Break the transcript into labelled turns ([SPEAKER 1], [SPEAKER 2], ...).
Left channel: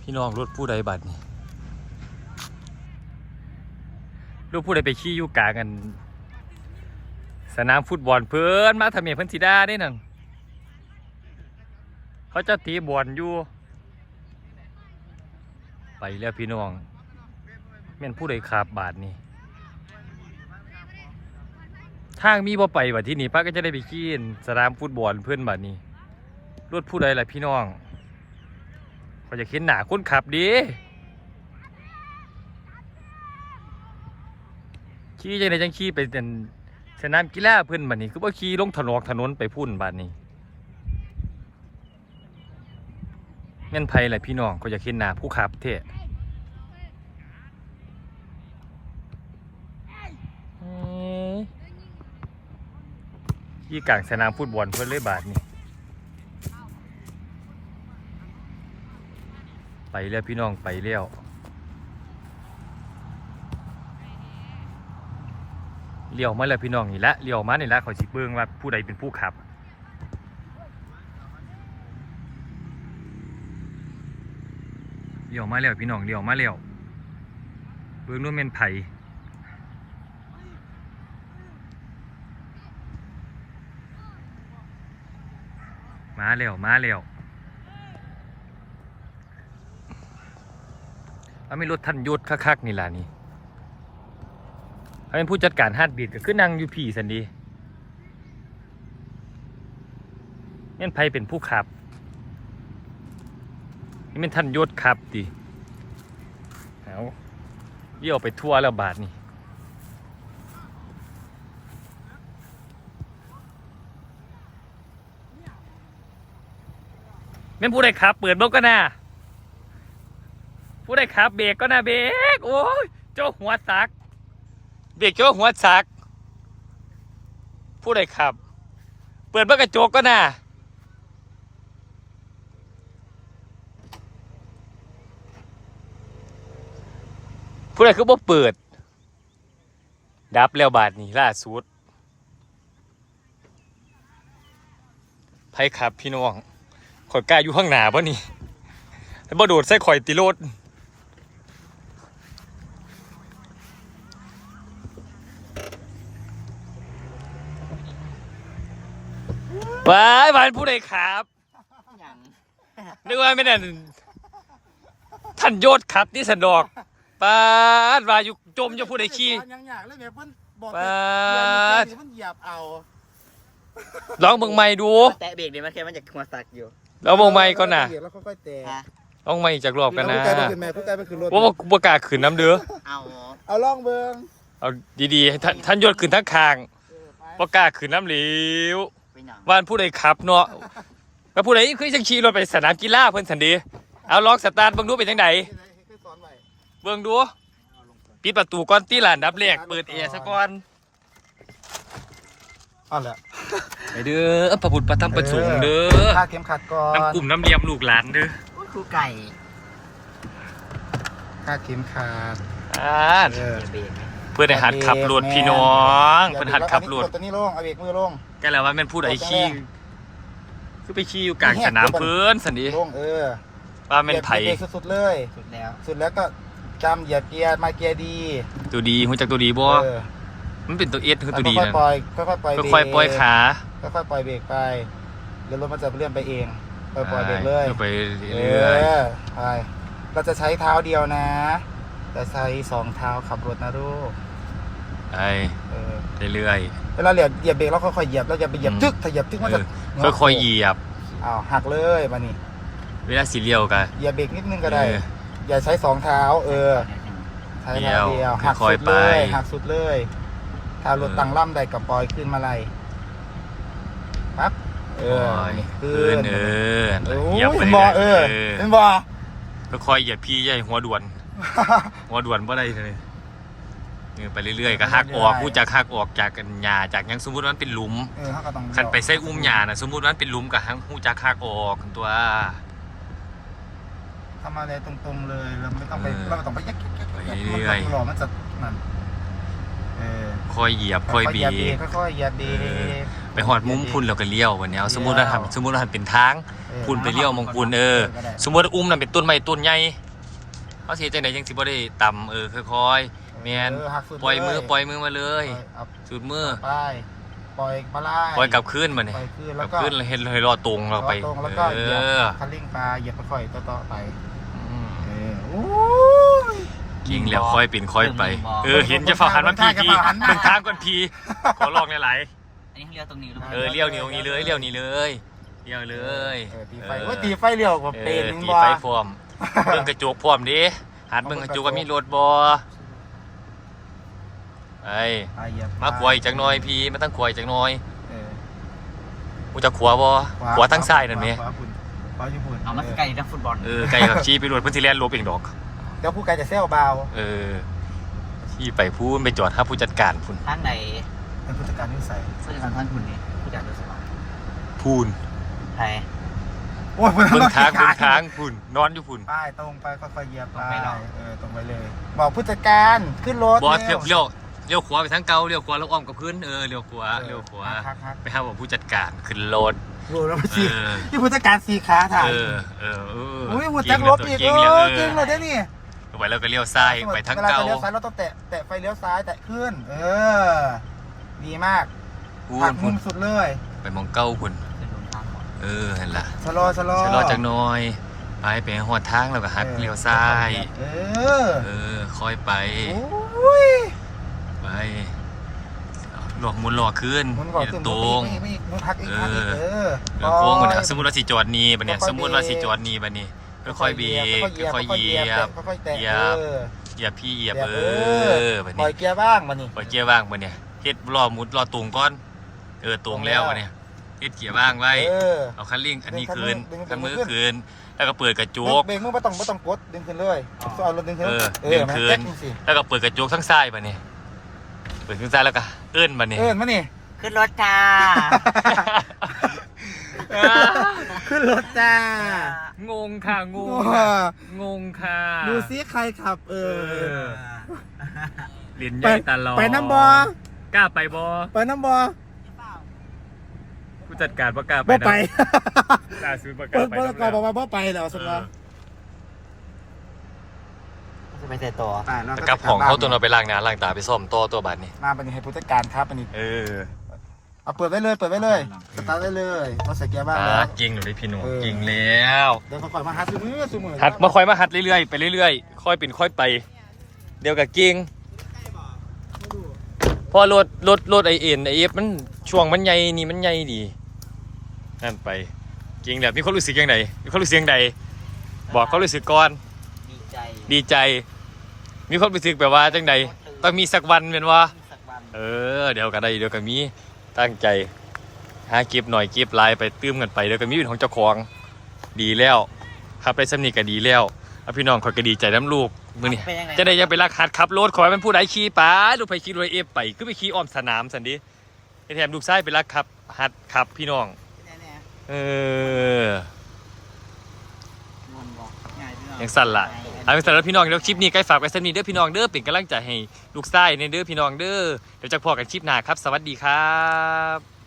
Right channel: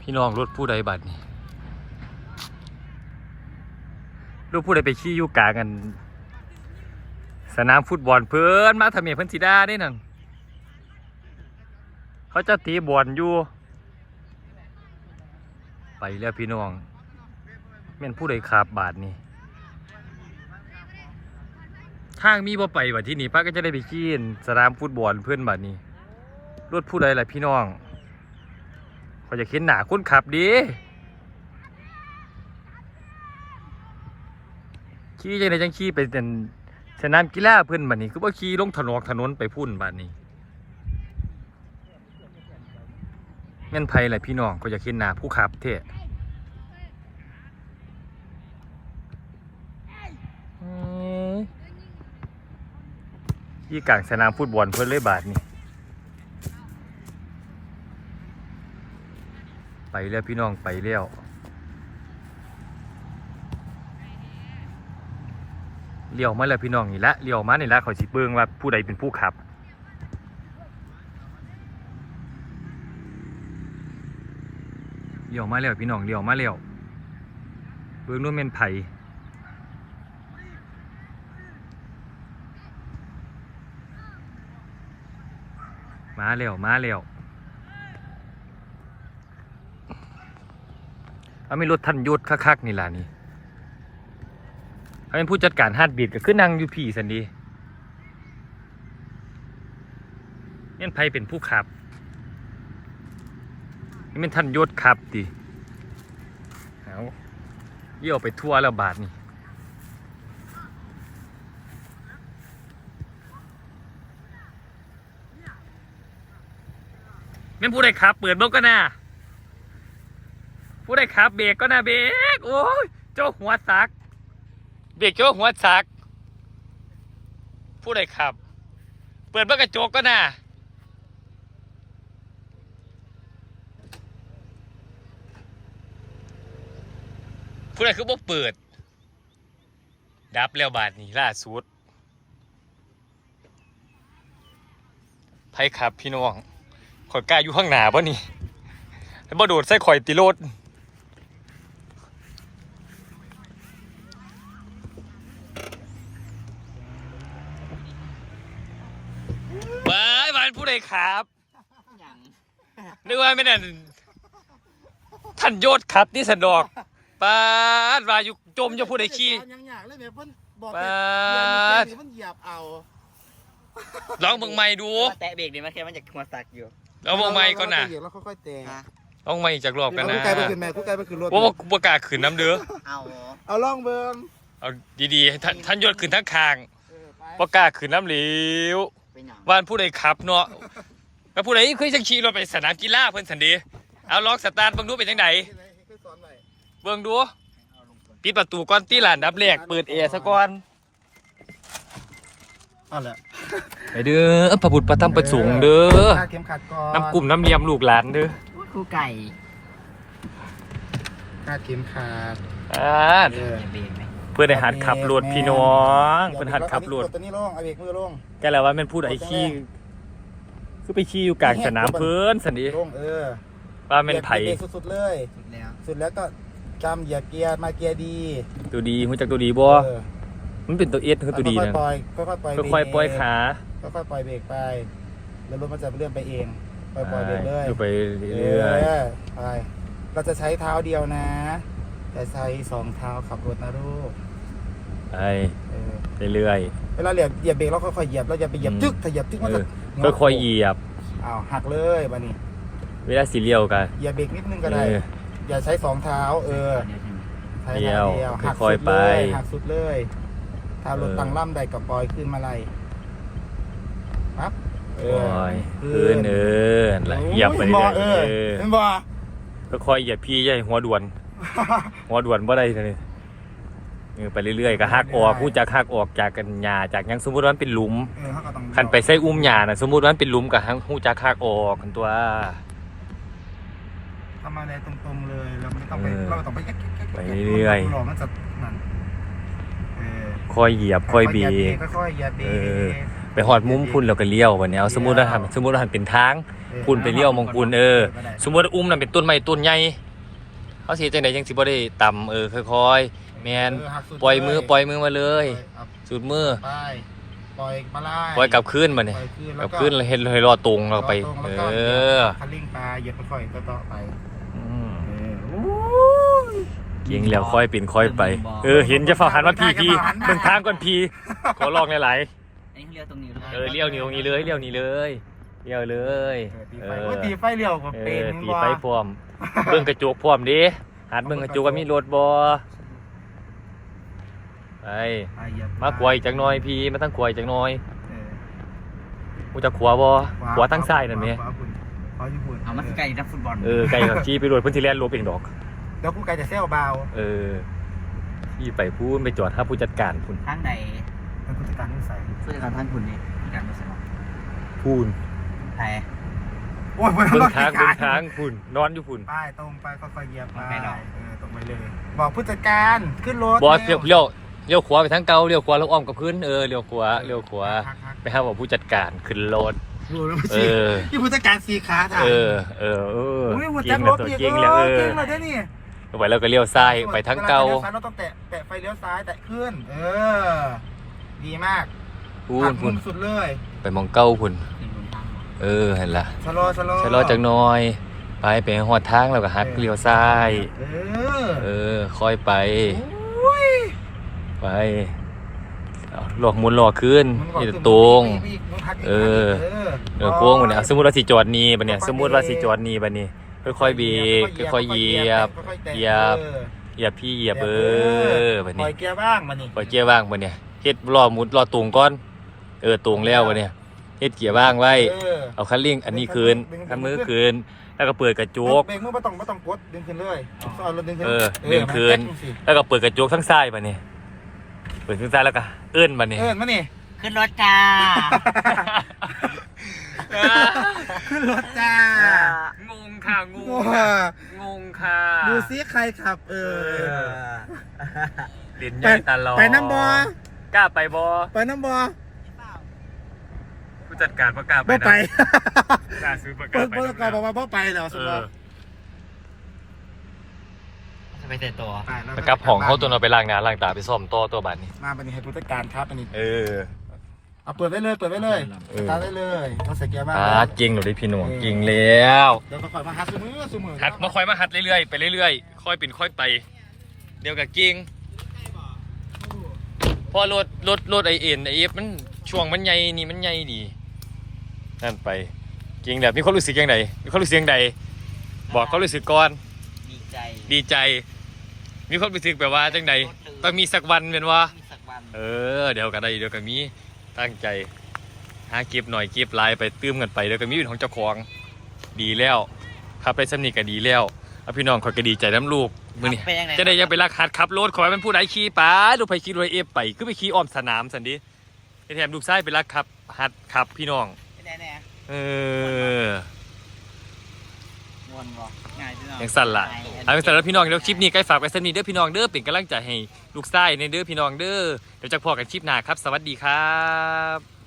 [SPEAKER 1] พี่น้องรถผู้ใดบัดนี่รถผู้ใดไปขี่อยู่กลางกัน สนามฟุตบอลเพื่อนมาทำเมียเพิ่นสีดาได้นั่นเขาจะตีบอลอยู่ ไปแล้วพี่น้องแม่นผู้ใดขาบบาทนี่ทางมีบ่ไปบัดที่นี่ป้าก็จะได้ไปขี่สนามฟุตบอลเพื่อนบัดนี้รถผู้ใดล่ะพี่น้อง เขาจะเข็นหนาคนขับดีขี่จังไดจังขี่ไปเป็นสนามกีฬาเพื่อนบัดนี้ คือว่าขี่ลงถนนถนนไปพุ่นบัดนี้แม่นไผล่ะพี่น้องเขาจะเข็นหนาผู้ขับเท่เอ้ยขี่กลางสนามฟุตบอลเพื่อนเลยบาทนี้ ไป แล้วพี่น้องไปแล้วเลี้ยวมาแล้วพี่น้องนี่ละเลี้ยวมานี่ละเขาสิเบิ่งว่าผู้ใดเป็นผู้ขับ เลี้ยวมาแล้วพี่น้องเลี้ยวมาแล้วเบิ่งนู่นเป็นไผมาแล้วมาแล้ว เอาไม่รถท่านยศคักๆนี่ล่ะนี่เขาเป็นผู้จัดการฮาร์ดบีดก็คือนั่งอยู่พี่สันดีนี่นไพเป็นผู้ขับนี่เป็นท่านยศขับดิเอาเยี่ยวไปทั่วแล้วบาทนี่แม่นผู้ใดขับเปิดเบกก็น่า ผู้ใดขับเบรกก็นะเบรกโอ้ยเจ้าหัวสัก เบรกเจ้าหัวสัก ผู้ใดขับ เปิดเบกระจกก็นะผู้ใดคือบ่เปิด ดับแล้วบาทนี้ล่าสุดไผขับพี่น้องข่อยกล้าอยู่ข้างหน้าป่ะนี่แล้วบ่โดดใส่ข่อยติโรด ว้ายบานผู้ใดครับ
[SPEAKER 2] อย่าง
[SPEAKER 1] นึกว่าไม่ได้ท่านโยศครับนี่สะดอกปาดว่าอยู่จมอยู่ผู้ใดขี้
[SPEAKER 3] ยังอยากเลยเนี่ยเพิ่นบอก
[SPEAKER 1] ปาด
[SPEAKER 3] เพิ่นเหยียบเอา
[SPEAKER 1] ลองเบิ่งใหม่ดู
[SPEAKER 2] แตะเบรกเดี๋ยวมันแค่มันจะหัวสักอยู่
[SPEAKER 1] ลองเบิ่งใหม่ก่อนนะ
[SPEAKER 3] เหยียบแล้วค่อยๆแตะ
[SPEAKER 2] ฮะ
[SPEAKER 1] ลองใหม่อีกจากรอบกันนะ
[SPEAKER 3] ทุกแกไปขึ้นแม่ทุกแกไปขึ้นรถ
[SPEAKER 1] ว่าว่าประกล้าศขืนน้ำเด้อ
[SPEAKER 2] เอา
[SPEAKER 3] เอาล่องเบิ่ง
[SPEAKER 1] เอาดีๆให้ท่านท่านโยศขืนทั้งคาง
[SPEAKER 3] เออไป
[SPEAKER 1] ประกล้าศขืนน้ำเหลว
[SPEAKER 2] ไปหนัง
[SPEAKER 1] ว่านผู้ใดขับเนาะแล้วผู้ใดเคยจังขี่รถไปสนามกีฬาเพิ่นสันเดีเอาลองสตาร์ทเบิ่งดูเป็นจังได
[SPEAKER 3] ที่ไหนให้สอนไว้
[SPEAKER 1] เบิ่งดูปิดประตูก่อนตีหลานดับแรกเปิดแอร์ซะก่อน
[SPEAKER 3] เอาละ
[SPEAKER 1] ไปเด้อพระบุตรประทับประสงค์เด้อ
[SPEAKER 3] คาดเข็มขัดก่อน
[SPEAKER 1] น้ำกลุ่มน้ำเลียมลูกหลานเด้อ
[SPEAKER 2] ครูไก่
[SPEAKER 3] คาดเข็มขัด
[SPEAKER 1] อ่า
[SPEAKER 3] เออ
[SPEAKER 2] อย่าเบรกไหม
[SPEAKER 1] เพื่อนได้หัดขับรถพี่น้องเพื่อนหัดขับรถ
[SPEAKER 3] ตัวนี้ลงเอาเบรกมือลง
[SPEAKER 1] ก็แล้วว่าแมันพูดไอ้ขี้คือไปขี้อยู่กลางสนามเพื่อนสันดี
[SPEAKER 3] ลงเออ
[SPEAKER 1] ว่าแมันไผ่
[SPEAKER 3] เบรกสุดๆเลย
[SPEAKER 2] สุดแล้ว
[SPEAKER 3] สุดแล้วก็จำเหยียบเกียร์มาเกียร์ดี
[SPEAKER 1] ตัวดีหูจักตัวดีบ่
[SPEAKER 3] เออ
[SPEAKER 1] มันเป็นตัวเอสคือตัวดีนั่น
[SPEAKER 3] ค่อยๆปล่อยค่อยๆปล่อย
[SPEAKER 1] ค่อยๆปล่อยขา
[SPEAKER 3] ค่อยๆปล่อยเบรกไปเดี๋ยวรถมันจะเลื่อนไปเองค่อยๆป
[SPEAKER 1] ใช่
[SPEAKER 3] ล่อยเบรกเลย
[SPEAKER 1] ลงไปเรื่อย
[SPEAKER 3] ไปเราจะใช้เท้าเดียวนะจะใช้สองเท้าขับรถนะลูก
[SPEAKER 1] ๆ ไป
[SPEAKER 3] เออ
[SPEAKER 1] เรื่อย
[SPEAKER 3] เวลาเหยียบเหยียบเบรกแล้วค่อยๆเหยียบแล้วอย่าไปเหยียบ
[SPEAKER 1] อืม
[SPEAKER 3] ตึกถ้าเหยียบตึก
[SPEAKER 1] ๆ
[SPEAKER 3] มัน
[SPEAKER 1] เอ
[SPEAKER 3] จะ
[SPEAKER 1] อค่อยๆเหยียบ
[SPEAKER 3] อ้าวหักเลยมานี่
[SPEAKER 1] เวลาสีเลี้ยวกัน
[SPEAKER 3] เหยียบเบรกนิดนึงก็
[SPEAKER 1] เอ
[SPEAKER 3] ได้
[SPEAKER 1] อ
[SPEAKER 3] อย่าใช้สองเท้า เออใช้
[SPEAKER 1] เดี่ยว
[SPEAKER 3] ท้าหัก
[SPEAKER 1] ค่อย
[SPEAKER 3] สุด
[SPEAKER 1] ๆไป
[SPEAKER 3] เลยหักสุดเลยถ้ารถ
[SPEAKER 1] เออ
[SPEAKER 3] ตั้งล่ำใดกับปล่อยขึ้นมาไรปั๊บเโอ้
[SPEAKER 1] ยพื้นเออนั่นแหละเหยียบไปเรื่อยๆ
[SPEAKER 3] เอ
[SPEAKER 1] เออ
[SPEAKER 3] เห็นบ่
[SPEAKER 1] ค่อยๆเหยียบพี่ใหญ่หัวด่วน หัวด่วนบ่ได้เลย เออไปเรื่อยๆก็หักออกกูจะหักออกจากกันหญ้าจากหยังสมมุติว่ามันเป็นหลุม
[SPEAKER 3] เออเขาก็ต้อง
[SPEAKER 1] คันไปใส่อุ้มหญ้าน่ะสมมุติว่ามันเป็นหลุมก็หักหูจักหักออกกันตัว
[SPEAKER 3] ทำอะไรตรงๆเลยเราไม่ต้องไป
[SPEAKER 1] เออ
[SPEAKER 3] เราไม่ต้องไปยักยักยัก
[SPEAKER 1] ไปเรื่อยๆ
[SPEAKER 3] หล่อมันจะนั่นเออ
[SPEAKER 1] ค่อยเหยียบค่อยเบี
[SPEAKER 3] เห
[SPEAKER 1] บ
[SPEAKER 3] ค่อยๆเหยียบเบร
[SPEAKER 1] เออ
[SPEAKER 3] ก
[SPEAKER 1] ไปหอดมุมพุ่นแล้วก็เลี้ยววันนี้เอาสมมุติว่าทำสมมุติว่าทำเป็นทาง พุ่นไปเลี้ยวมองพุ่นเออ สมมุติว่าอุ้มนั่นเป็นต้นไม้ต้นใหญ่เขาสิเฮ็ดจังไดจังสิบ่ได้ต่ำเออค่อยๆ แม่นปล่อยมือปล่อยมือมาเลยสุดมือ
[SPEAKER 3] ไปปล่อยมาไล่
[SPEAKER 1] ปล่อยกลับคืนมาเนี่ย
[SPEAKER 3] ปล่อย
[SPEAKER 1] กลับคืนแล้วเฮ็ดให้รอตรงเราไป
[SPEAKER 3] ตรง
[SPEAKER 1] เอ
[SPEAKER 3] แล้วก็
[SPEAKER 1] อ
[SPEAKER 3] คันเร่งปลาเหยียบค่อยๆก็ต่อไป
[SPEAKER 1] อืม
[SPEAKER 3] โอ้ย
[SPEAKER 1] กิงแล้วค่อยเป็นค่อยไป เออ เห็นจะฝ่าหันมาพีพีเบิ่งทางก่อนพีขอลองหลาย
[SPEAKER 2] อันนี้เขาเรียกตรงนี้หรือเป
[SPEAKER 1] ๆ
[SPEAKER 2] ล่า
[SPEAKER 1] เออเลี้ยวนิ้วนี้เลยเลี้ยวนี้เลยเลี้ยวเลย
[SPEAKER 3] เอ
[SPEAKER 1] เอ
[SPEAKER 3] อ
[SPEAKER 1] อ
[SPEAKER 3] ตีไฟเลี้ยวกว่า
[SPEAKER 1] เอ
[SPEAKER 3] เป็น
[SPEAKER 1] อ
[SPEAKER 3] นึง
[SPEAKER 1] ตี
[SPEAKER 3] ว่า
[SPEAKER 1] ไฟพร้อมเบิ่งกระจกพร้อมดิหัดเบิ่งกระจกว่ามีรถบ่ ไป
[SPEAKER 3] ไปเหยียบ
[SPEAKER 1] มาขวายจักหน่อยพี่มาตั้งขวายจักหน่อย
[SPEAKER 3] เออ
[SPEAKER 1] กูจะขวาบ่ขวาทั้งซ้ายนั่นแหม
[SPEAKER 3] ขวาญี่ปุ่น
[SPEAKER 2] เอามาไกลนักฟุตบอล
[SPEAKER 1] เออไกลกับชี้ไปรถเพิ่นสิแล่นลบเองดอก
[SPEAKER 3] เดี๋ยวผู้ไกลจะเซลเบา
[SPEAKER 1] เออที่ไปพูนไปจอดหาผู้จัดการพุ่น
[SPEAKER 2] ทางใด
[SPEAKER 3] เป็นผู้จัดการนิสัย
[SPEAKER 2] ผู้จัดการท่านคุณนี่ผู้จัดการรู้สึกว่า
[SPEAKER 1] พูน
[SPEAKER 2] ไทย
[SPEAKER 3] โอ้ย
[SPEAKER 1] เบิ่งทางเบิ่งทางพุ่นนอนอยู่พุ่น
[SPEAKER 3] ไปตรงไปค่อยๆเหยียบ
[SPEAKER 2] ตรงไปหรอ
[SPEAKER 3] เออตรงไปเลย บอกผู้จัดการขึ้นรถ
[SPEAKER 1] บอสเลี้ยวเลี้ยว เลี้ยวขวาไปทางเก่าเลี้ยวขวาแล้วอ้อมกับพื้นเออเลี้ยวขวาเลี้ยวขวา
[SPEAKER 3] ครับครับ
[SPEAKER 1] ไปหาบอกผู้จัดการขึ้นรถ
[SPEAKER 3] โอ้แล้ว
[SPEAKER 1] เอ
[SPEAKER 3] สิ
[SPEAKER 1] อ
[SPEAKER 3] ที่ผู้จัดการสีขาถ่าย
[SPEAKER 1] เออ เออเออ
[SPEAKER 3] เฮ้ยหัว
[SPEAKER 1] เก่
[SPEAKER 3] จั
[SPEAKER 1] ง
[SPEAKER 3] ง
[SPEAKER 1] แล้ว
[SPEAKER 3] ลบ
[SPEAKER 1] ตัว
[SPEAKER 3] อีก
[SPEAKER 1] เก่งแล้วเออ
[SPEAKER 3] เก่งแล้วเจ้านี่
[SPEAKER 1] ไปแล้วก็เลี้ยวซ้ายไปทางเก่า
[SPEAKER 3] วลลี้ยวซ้ายเราต้องแตะแตะไฟเลี้ยวซ้ายแตะขึ้น เออ ดีมาก
[SPEAKER 1] พูน
[SPEAKER 3] หั
[SPEAKER 1] พุ่
[SPEAKER 3] ก
[SPEAKER 1] น
[SPEAKER 3] มุมสุดเลย
[SPEAKER 1] ไปมองเก้าพุ่น
[SPEAKER 2] ขึ้นบนทางหมอ
[SPEAKER 1] เออเห็นละ
[SPEAKER 3] ชะลอชะลอ
[SPEAKER 1] ใช้รอจักหน่อย ไปไปหอดทางแล้วก็หัดเลี้ยวซ้าย
[SPEAKER 3] เออ
[SPEAKER 1] เออ ค่อยไป
[SPEAKER 3] โอ้ย
[SPEAKER 1] ไปเอาหลอกหมุนหลอกขึ้น
[SPEAKER 3] หมุนก่อน
[SPEAKER 1] นี่
[SPEAKER 3] ขึ้น
[SPEAKER 1] ตรง
[SPEAKER 3] อีกอีกอีกพักอีก
[SPEAKER 1] เออ
[SPEAKER 3] พักก
[SPEAKER 1] เออโค้งมาเนี่ยเอาสมมติว่าสิจอดนี่บัดเนี่ยสมมติว่าสิจอดนี่บัดนี้ค่อยๆเบรกค่อยๆเหยียบ
[SPEAKER 3] ค่อยๆแตะ
[SPEAKER 1] เหยียบ
[SPEAKER 3] ออ
[SPEAKER 1] เหยียบพี่เหยียบเออบัด
[SPEAKER 3] ป
[SPEAKER 1] นี้
[SPEAKER 3] ล่อยเกียร์บ้างมานี่
[SPEAKER 1] ปล่อยเกียร์ว่างบัดเนี่ยเฮ็ดรอหมุดรอตรงก่อน เออตรงแล้วบัดเนี่ยเฮ็ดเกียร์ว่างไว้
[SPEAKER 3] เออ
[SPEAKER 1] เอาคันเร่งอันนี้คืน
[SPEAKER 3] ดึง
[SPEAKER 1] คันมือ
[SPEAKER 3] ดึง
[SPEAKER 1] คืนแล้วก็เปิดกระจก
[SPEAKER 3] เบรกมือไม่ต้องไม่ต้องกดดึงขึ้นเลยเอารถดึงขึ้น
[SPEAKER 1] เออดึงคืน
[SPEAKER 3] เออมัแตะสิ
[SPEAKER 1] แล้วก็เปิดกระจกทั้งซ้ายบัดเนี่ย เปิดทั้งซ้ายแล้วก็เอื้อนบัดเนี่ย
[SPEAKER 3] เออมานี่
[SPEAKER 2] ขึ้นรถจ้า
[SPEAKER 3] ขึ้นรถจ้าง
[SPEAKER 1] งค่ะง
[SPEAKER 3] โอ้
[SPEAKER 1] งงค่ะ
[SPEAKER 3] ดูซิใครขับเออ
[SPEAKER 1] ลิ้นให
[SPEAKER 3] ไป
[SPEAKER 1] ญ่ตลอด
[SPEAKER 3] ไปน้ำบอก
[SPEAKER 1] ล้าไปบอ
[SPEAKER 3] ไปน้ำบอ
[SPEAKER 1] ผู้จัดการประกล้าศ
[SPEAKER 3] บ่ไป
[SPEAKER 1] กล้าซื้อประกา
[SPEAKER 3] เปิ
[SPEAKER 1] ศ
[SPEAKER 3] ดเปิดก่อนบอกว่าบ่ไปแล้วสมม
[SPEAKER 1] เออ
[SPEAKER 3] ติ
[SPEAKER 2] จะ ไปแต่ตัว
[SPEAKER 1] แต่กับห้องเขาตัวเราไปล้างหน้าล้างตาไปซ่อมต่อตัวบัดนี่
[SPEAKER 3] มาเป็นให้ผู้จัดการครับอันนี้
[SPEAKER 1] เออ
[SPEAKER 3] เอาเปิดไว้เลยเปิดไว้เลย
[SPEAKER 1] เออ
[SPEAKER 3] สตาร์ทได้เลยมาใส่เกียร์บ้าง
[SPEAKER 1] อ่าจริงหนูได้พี่หนุ่ม
[SPEAKER 3] เออ
[SPEAKER 1] จริงแล้ว
[SPEAKER 3] เดี๋ยวก่อนมาหัดสมือสมือ
[SPEAKER 1] หัดมาค่อยมาหัดเรื่อยๆไปเรื่อยๆ ค่อยเป็นค่อยไป เดี๋ยวกับกิ้งเพอรถรถรถไอเอ็นไอเอฟมันช่วงมันใหญ่นี่มันใหญ่ดีนั่นไปจริงแบบมีความรู้สึกยังไงมีความรู้สึกยังไงบอกความรู้สึกก่อน
[SPEAKER 2] ดีใจ
[SPEAKER 1] ดีใจ มีความรู้สึกแบบว่าจังใดต้องมีสักวันเป็นว่า
[SPEAKER 2] มีสักวัน
[SPEAKER 1] เออ เดี๋ยวกันได้เดี๋ยวกันมีตั้งใจหาเก็บหน่อยเก็บลายไปตื้มกันไปเดี๋ยวกันมีเป็นของเจ้าของดีแล้วขับไปสำนีก็ดีแล้วเอาพี่น้องคอยก็ดีใจน้ำลูกมือนี่
[SPEAKER 2] เป็นยังไง
[SPEAKER 1] จะได้อยังไปรักหัดขับรถขอให้มันผู้ใดขี่ป้าลูกไปขี่รถเอฟไปคือไปขี่อ้อมสนามสันดิไอ้แถมลูกชายไปรักขับหัดขับพี่น้อง
[SPEAKER 2] เป็นยังไงเนี่ย
[SPEAKER 1] เออ
[SPEAKER 2] งวนบ่ ง่ายที่เนาะ
[SPEAKER 1] ยังสั่นละเอาเป็นสำหรับพี่น้องเดี๋ยวคลิปนี้ใกล้ฝากไว้สนิทเด้อพี่น้องเด้อเป็นกำลังใจให้ลูกชายในเด้อพี่น้องเด้อเดี๋ยวจะพอกันคลิปหน้าครับ สวัสดีครับ